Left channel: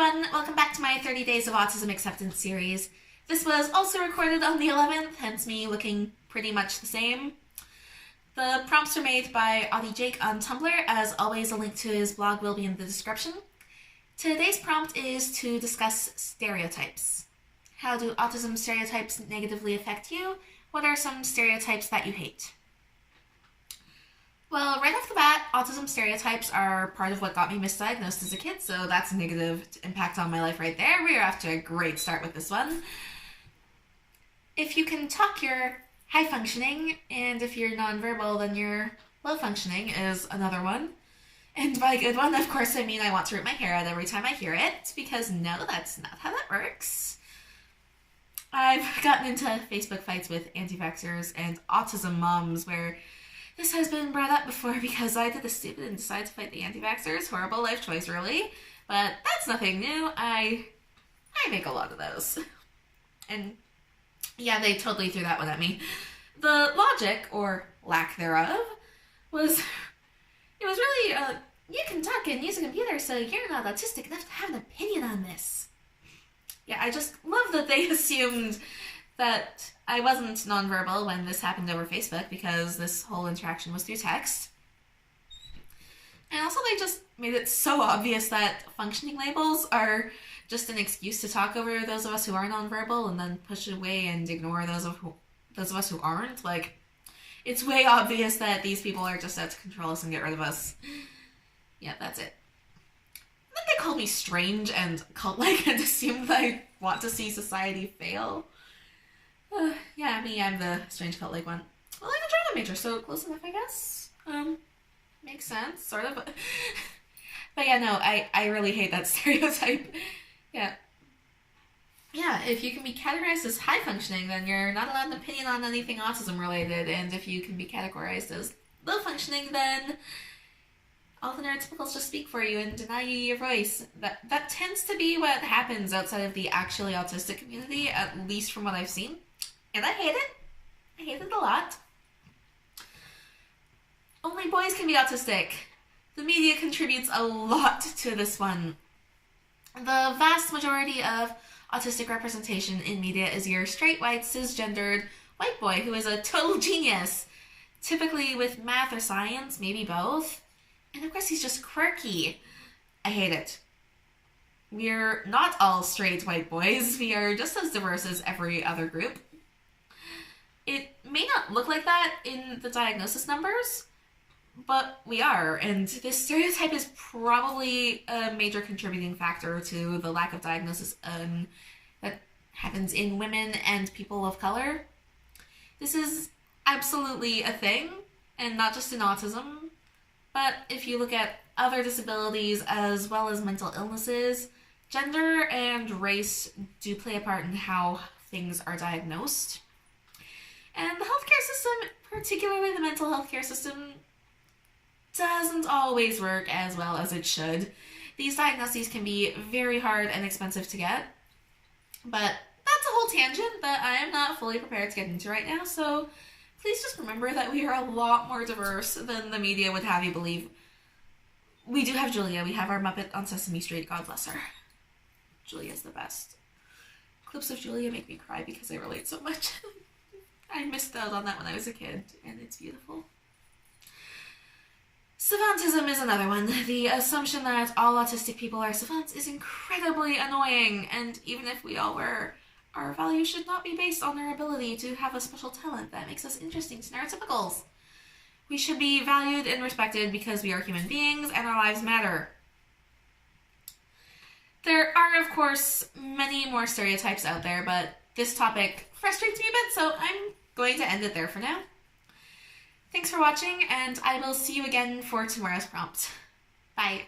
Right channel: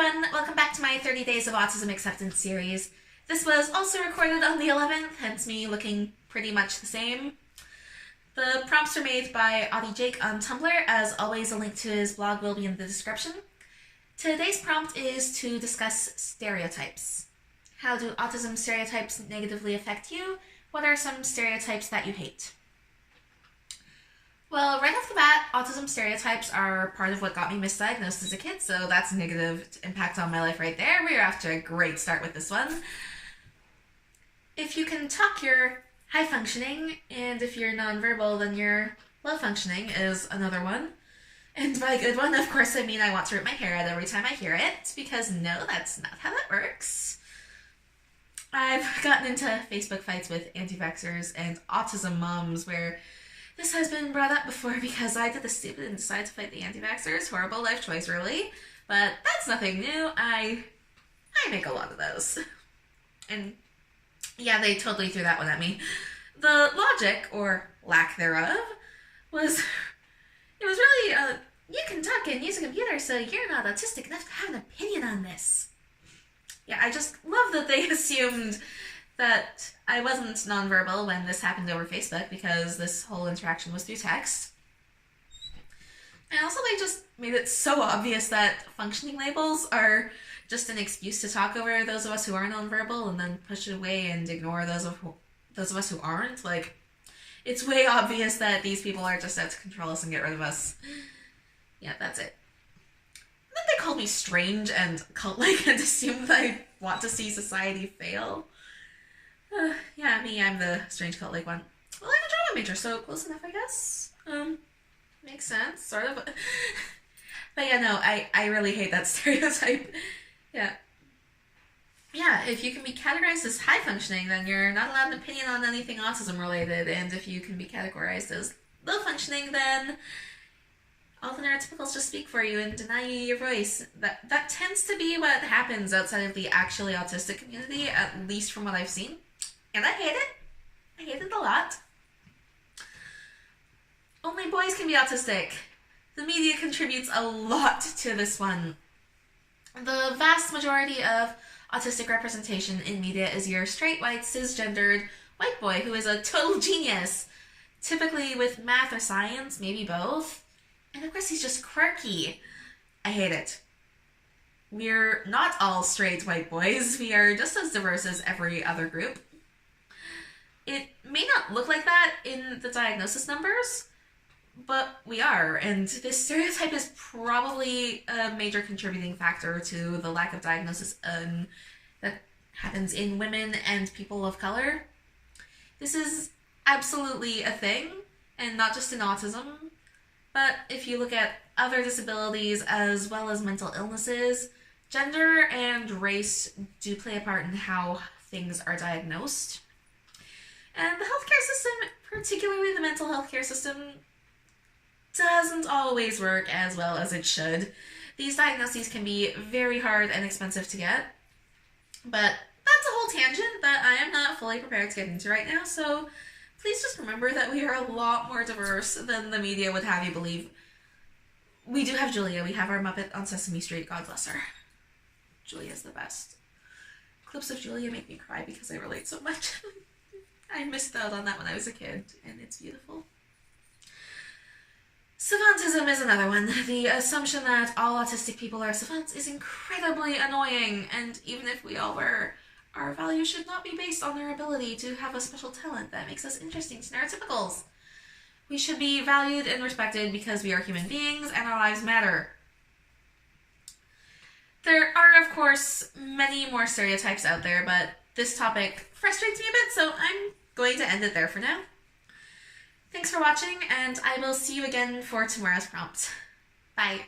everyone, welcome back to my 30 Days of Autism Acceptance series. This was also recorded on the 11th, hence me looking pretty much the same. The prompts are made by Autie-Jake on Tumblr. As always, a link to his blog will be in the description. Today's prompt is to discuss stereotypes. How do autism stereotypes negatively affect you? What are some stereotypes that you hate? Well, right off the bat, autism stereotypes are part of what got me misdiagnosed as a kid, so that's a negative impact on my life right there. We're off to a great start with this one. If you can talk, you're high functioning, and if you're nonverbal, then you're low functioning is another one. And by good one, of course, I mean I want to rip my hair out every time I hear it, because no, that's not how that works. I've gotten into Facebook fights with anti-vaxxers and autism moms where this has been brought up before because I did the stupid and decided to fight the anti-vaxxers. Horrible life choice, really. But that's nothing new. I make a lot of those. And yeah, they totally threw that one at me. The logic, or lack thereof, was really, you can talk and use a computer, so you're not autistic enough to have an opinion on this. Yeah, I just love that they assumed that I wasn't nonverbal when this happened over Facebook because this whole interaction was through text. And also they just made it so obvious that functioning labels are just an excuse to talk over those of us who are nonverbal and then push it away and ignore those of us who aren't. Like, it's way obvious that these people are just out to control us and get rid of us. Yeah, that's it. And then they called me strange and cult-like and assumed that I want to see society fail. Yeah, me, I'm the strange cult-like one. Well, I'm a drama major, so close enough, I guess. Makes sense, sort of. But yeah, no, I really hate that stereotype. Yeah, if you can be categorized as high-functioning, then you're not allowed an opinion on anything autism-related, and if you can be categorized as low-functioning, then all the neurotypicals just speak for you and deny you your voice. That tends to be what happens outside of the actually autistic community, at least from what I've seen. And I hate it. I hate it a lot. Only boys can be autistic. The media contributes a lot to this one. The vast majority of autistic representation in media is your straight, white, cisgendered white boy who is a total genius. Typically with math or science, maybe both. And of course he's just quirky. I hate it. We're not all straight white boys. We are just as diverse as every other group. It may not look like that in the diagnosis numbers, but we are, and this stereotype is probably a major contributing factor to the lack of diagnosis that happens in women and people of color. This is absolutely a thing, and not just in autism, but if you look at other disabilities as well as mental illnesses, gender and race do play a part in how things are diagnosed. And the healthcare system, particularly the mental health care system, doesn't always work as well as it should. These diagnoses can be very hard and expensive to get, but that's a whole tangent that I am not fully prepared to get into right now, so please just remember that we are a lot more diverse than the media would have you believe. We do have Julia. We have our Muppet on Sesame Street. God bless her. Julia's the best. Clips of Julia make me cry because I relate so much. I missed out on that when I was a kid, and it's beautiful. Savantism is another one. The assumption that all autistic people are savants is incredibly annoying, and even if we all were, our value should not be based on our ability to have a special talent that makes us interesting to neurotypicals. We should be valued and respected because we are human beings and our lives matter. There are, of course, many more stereotypes out there, but this topic frustrates me a bit, so I'm going to end it there for now. Thanks for watching, and I will see you again for tomorrow's prompt. Bye.